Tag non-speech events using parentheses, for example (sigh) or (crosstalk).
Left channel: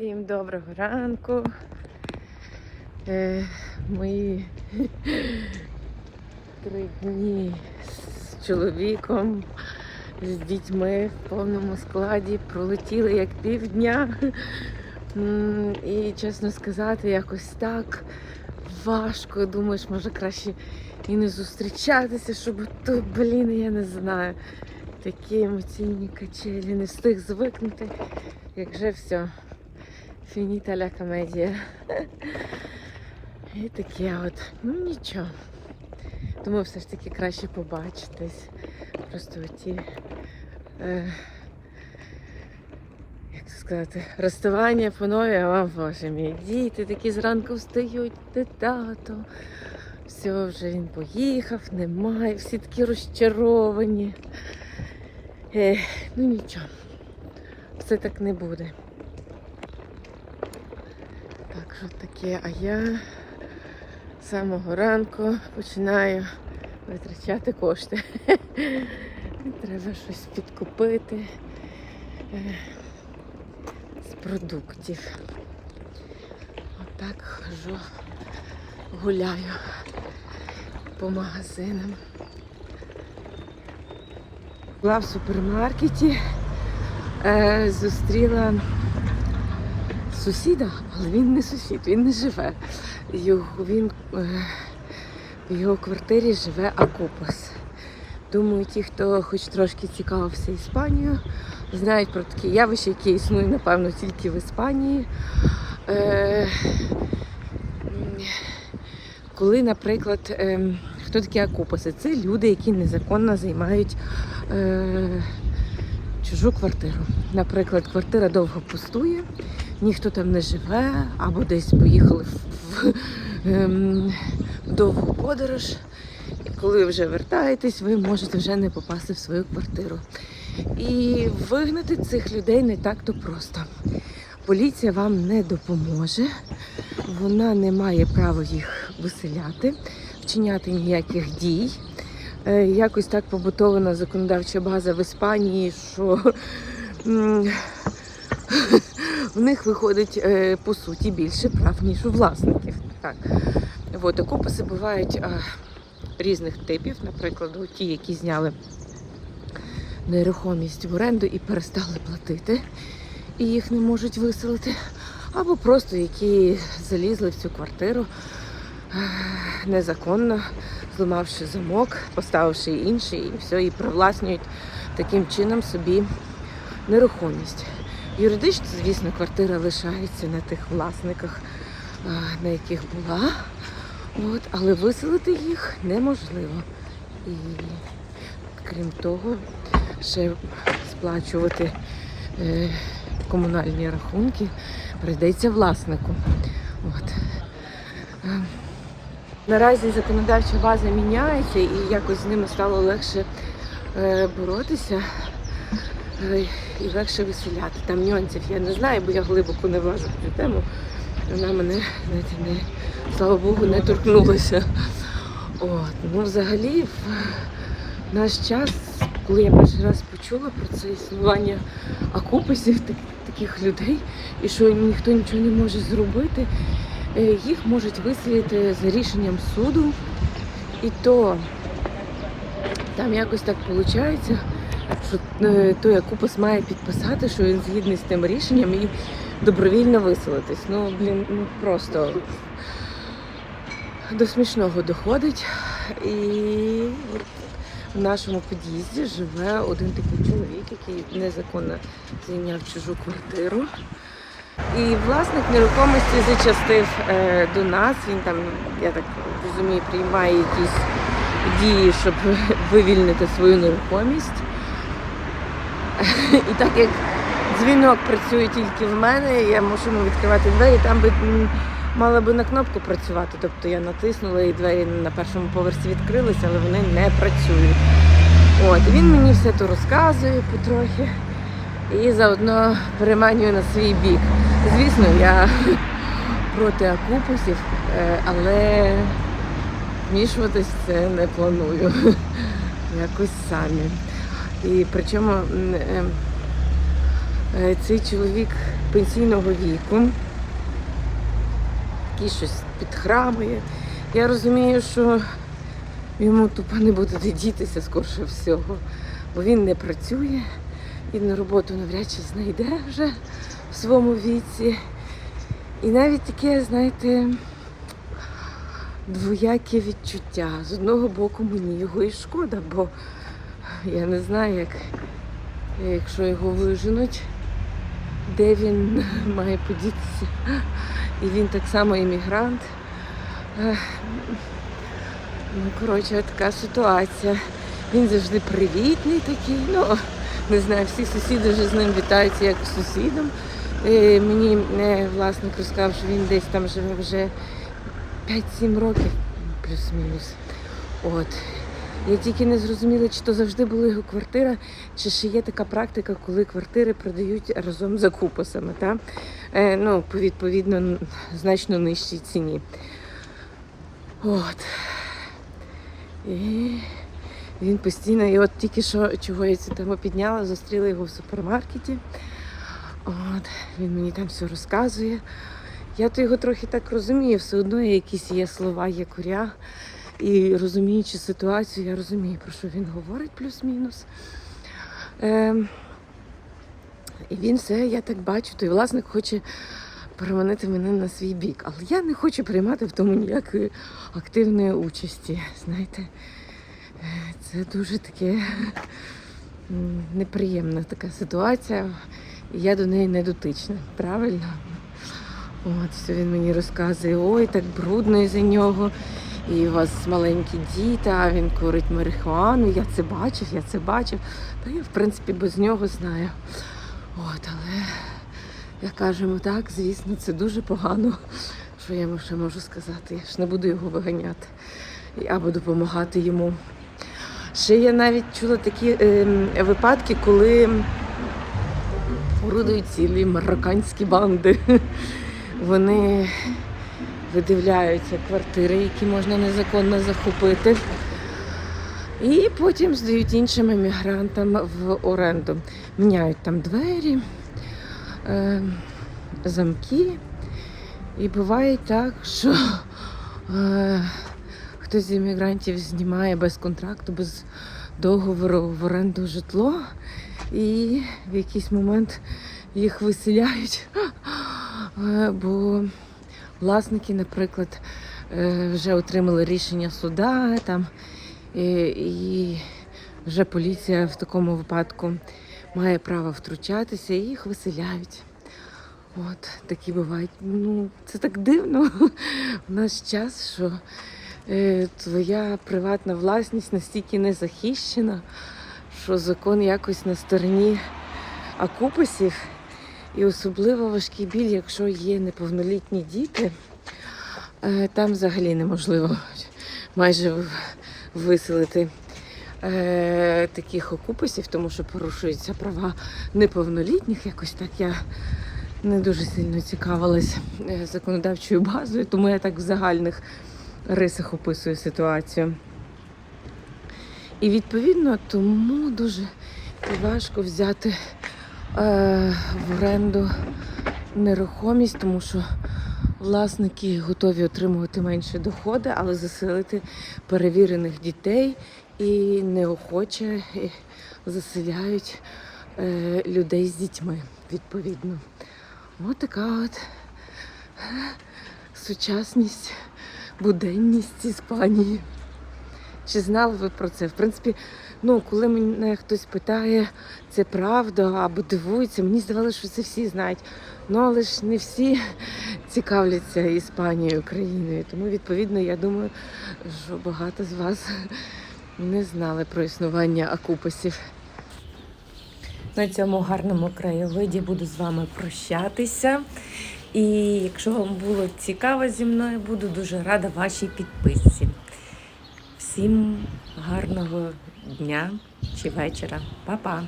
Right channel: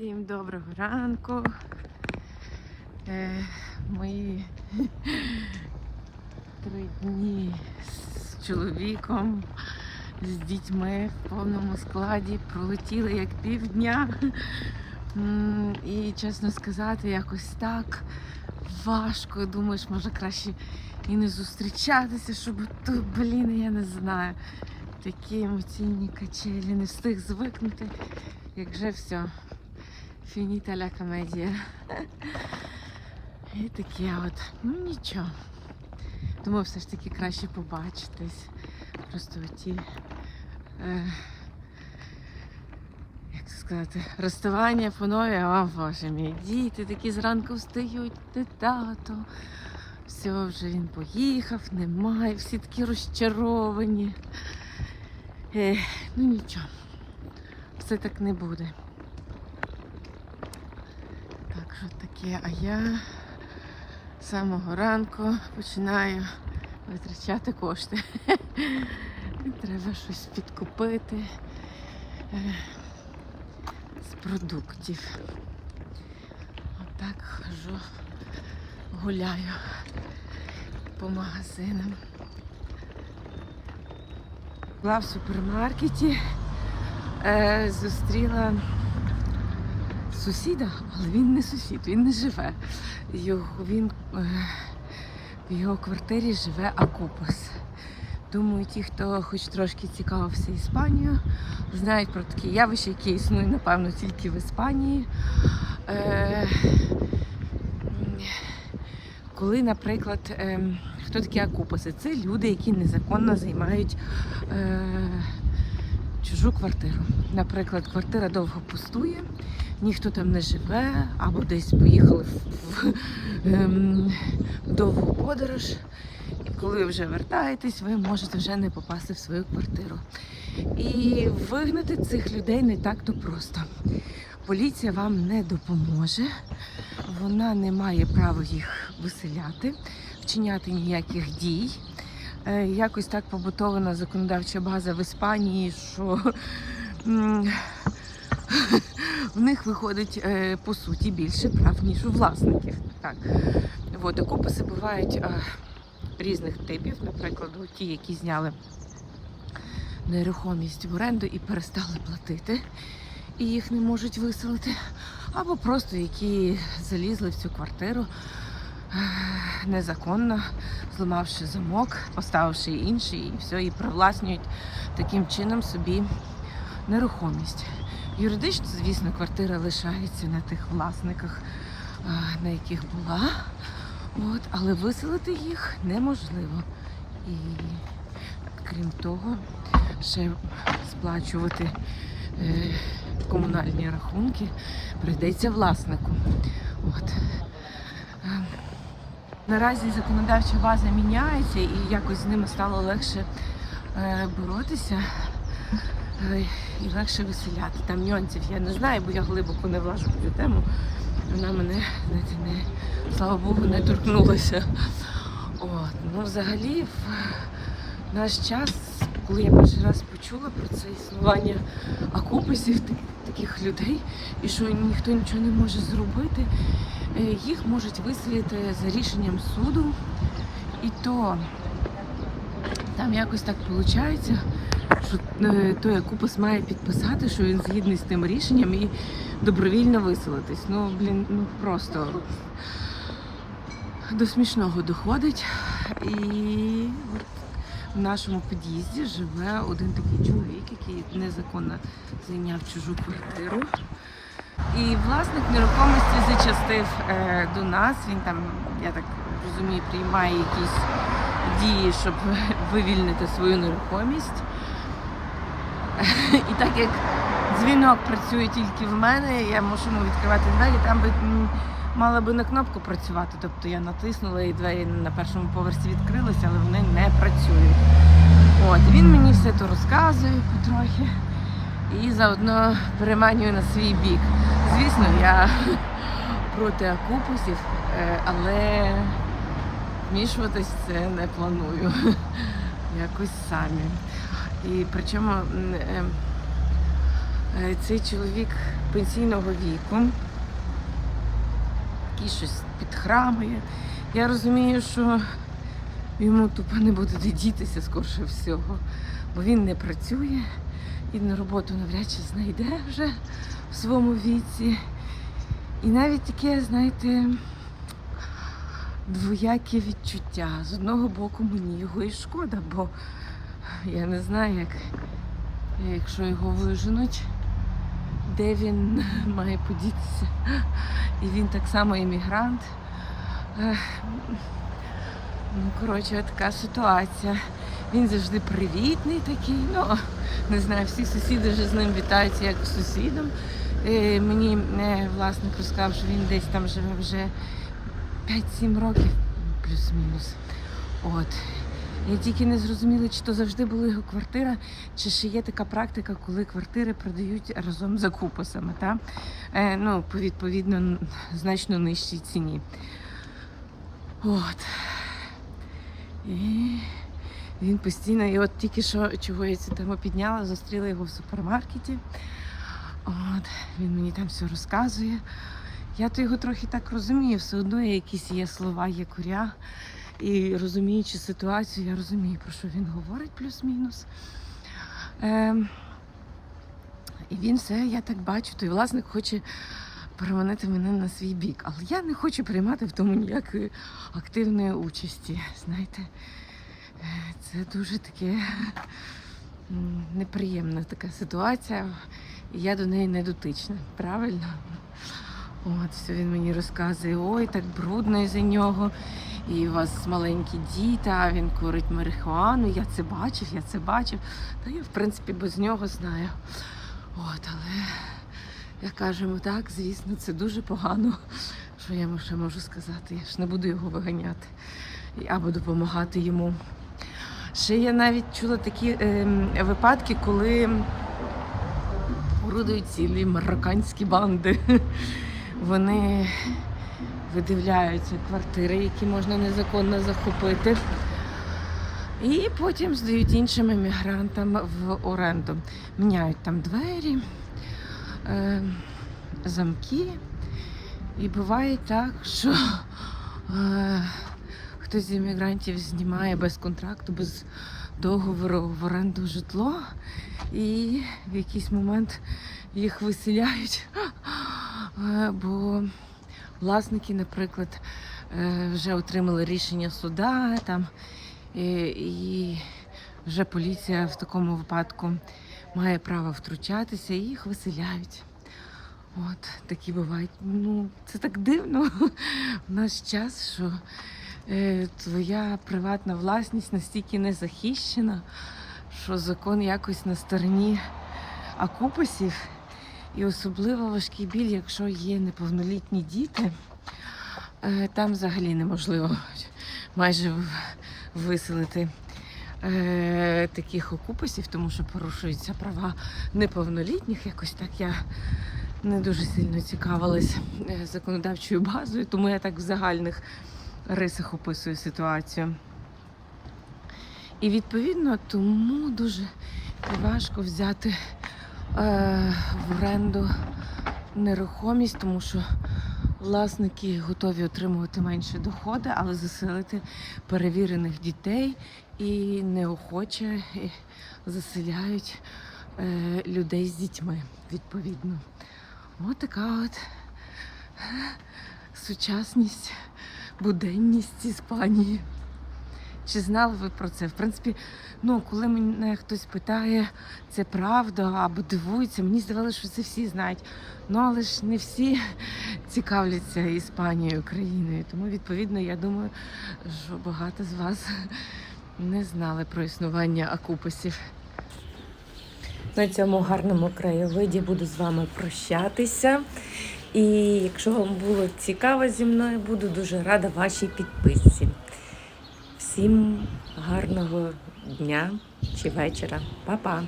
Всім доброго ранку. Е, мої (laughs) три дні з чоловіком, з дітьми в повному складі пролетіли як півдня. І чесно сказати, якось так важко. Думаєш, може краще і не зустрічатися, щоб то, блін, я не знаю. Такі емоційні качелі, не встиг звикнути, як вже все. Фініта ля комедія. І таке от. Ну нічого. Думаю, все ж таки краще побачитись. Просто оті. Е, як це сказати, розставання по нові, а боже мій. Діти такі зранку встають, де тато. Все, вже він поїхав, немає, всі такі розчаровані. Е, ну нічого. Все так не буде. Так що таке, а я з самого ранку починаю витрачати кошти. (laughs) Треба щось підкупити е, з продуктів. Отак хожу, гуляю по магазинам. Була в супермаркеті, е, зустріла сусіда, але він не сусід, він не живе. Його, він, е, в його квартирі живе Акопос. Думаю, ті, хто хоч трошки цікавився Іспанією, знають про таке явище, яке існує, напевно, тільки в Іспанії. Е, коли, наприклад, ем, хто такі акупаси? Це люди, які незаконно займають е, чужу квартиру. Наприклад, квартира довго пустує, ніхто там не живе, або десь поїхали в, в ем, довгу подорож. І коли ви вже вертаєтесь, ви можете вже не попасти в свою квартиру. І вигнати цих людей не так-то просто. Поліція вам не допоможе, вона не має права їх виселяти, вчиняти ніяких дій. Е, Якось так побутована законодавча база в Іспанії, що в них виходить е, по суті більше прав, ніж у власників. Так. От, окупаси бувають різних типів, наприклад, ті, які зняли нерухомість в оренду і перестали платити, і їх не можуть виселити, або просто які залізли в цю квартиру е, незаконно, зламавши замок, поставивши інший, і все, і привласнюють таким чином собі нерухомість. Юридично, звісно, квартира лишається на тих власниках, на яких була. От, але виселити їх неможливо. І крім того, ще сплачувати е, комунальні рахунки прийдеться власнику. От. Е, Наразі законодавча база міняється і якось з ними стало легше е, боротися і легше виселяти. Там нюансів я не знаю, бо я глибоко не влажу в цю тему. Вона мене знаєте, не, слава Богу, не торкнулася. От. Ну, взагалі, в наш час, коли я перший раз почула про це існування акуписів, так- таких людей, і що ніхто нічого не може зробити, е, їх можуть виселити за рішенням суду. І то там якось так виходить, е, той акупас має підписати, що він згідний з тим рішенням і добровільно виселитись. Ну, блін, ну просто до смішного доходить. І от в нашому під'їзді живе один такий чоловік, який незаконно зайняв чужу квартиру. І власник нерухомості зачастив е, до нас. Він там, я так розумію, приймає якісь дії, щоб (laughs) вивільнити свою нерухомість. І так як дзвінок працює тільки в мене, я мусимо відкривати двері, там би мала би на кнопку працювати. Тобто я натиснула і двері на першому поверсі відкрилися, але вони не працюють. От, він мені все то розказує потрохи і заодно переманює на свій бік. Звісно, я проти акупусів, е, але вмішуватись це не планую. Якось самі. І причому е, Е, Цей чоловік пенсійного віку, який щось підхрамує. Я розумію, що йому тупо не буде де скорше всього, бо він не працює і на роботу навряд чи знайде вже в своєму віці. І навіть таке, знаєте, двояке відчуття. З одного боку мені його і шкода, бо я не знаю, як, якщо його виженуть, де він (laughs) має подітися. І він так само іммігрант. Ну, коротше, така ситуація. Він завжди привітний такий. Ну, не знаю, всі сусіди вже з ним вітаються як з сусідом. Е, мені е, власник розказав, що він десь там живе вже 5-7 років, плюс-мінус. От. Я тільки не зрозуміла, чи то завжди була його квартира, чи ще є така практика, коли квартири продають разом з закупасами, та? Е, ну, відповідно значно нижчій ціні. От. І він постійно, і от тільки що чого я цю тему підняла, зустріла його в супермаркеті. От, він мені там все розказує. Я то його трохи так розумію, все одно є якісь є слова, є куря. І розуміючи ситуацію, я розумію, про що він говорить плюс-мінус. Ем, і він все, я так бачу, той власник хоче переманити мене на свій бік. Але я не хочу приймати в тому ніякої активної участі. Знаєте, Е, це дуже таке неприємна така ситуація. І я до неї не дотична, правильно? От, все він мені розказує, ой, так брудно із-за нього. І у вас маленькі діти, а він курить марихуану. Я це бачив, я це бачив. Та я, в принципі, без нього знаю. От, але як кажемо так, звісно, це дуже погано. Що я йому ще можу сказати? Я ж не буду його виганяти або допомагати йому. Ще я навіть чула такі ем, випадки, коли орудують цілі марокканські банди. Вони видивляються квартири, які можна незаконно захопити. І потім здають іншим емігрантам в оренду. Міняють там двері, е, замки. І буває так, що е, хтось з іммігрантів знімає без контракту, без договору в оренду житло, і в якийсь момент їх виселяють. Е, Бо власники, наприклад, е, вже отримали рішення суда там, і, і вже поліція в такому випадку має право втручатися і їх виселяють. От такі бувають. Ну, це так дивно (laughs) в наш час, що е, твоя приватна власність настільки не захищена, що закон якось на стороні окупасів. І особливо важкий біль, якщо є неповнолітні діти, е, там взагалі неможливо майже виселити е, таких окупасів, тому що порушуються права неповнолітніх. Якось так я не дуже сильно цікавилась е, законодавчою базою, тому я так в загальних рисах описую ситуацію. І відповідно тому дуже важко взяти в оренду нерухомість, тому що власники готові отримувати менші доходи, але заселити перевірених дітей і неохоче е, заселяють е, людей з дітьми, відповідно. Ось така от е, сучасність, буденність Іспанії. Чи знали ви про це? В принципі, ну, коли мене хтось питає, це правда або дивується, мені здавалося, що це всі знають. Ну, але ж не всі цікавляться Іспанією, країною. Тому, відповідно, я думаю, що багато з вас не знали про існування акупасів. На цьому гарному краєвиді буду з вами прощатися. І якщо вам було цікаво зі мною, буду дуже рада вашій підписці. Всім гарного дня чи вечора. Па-па!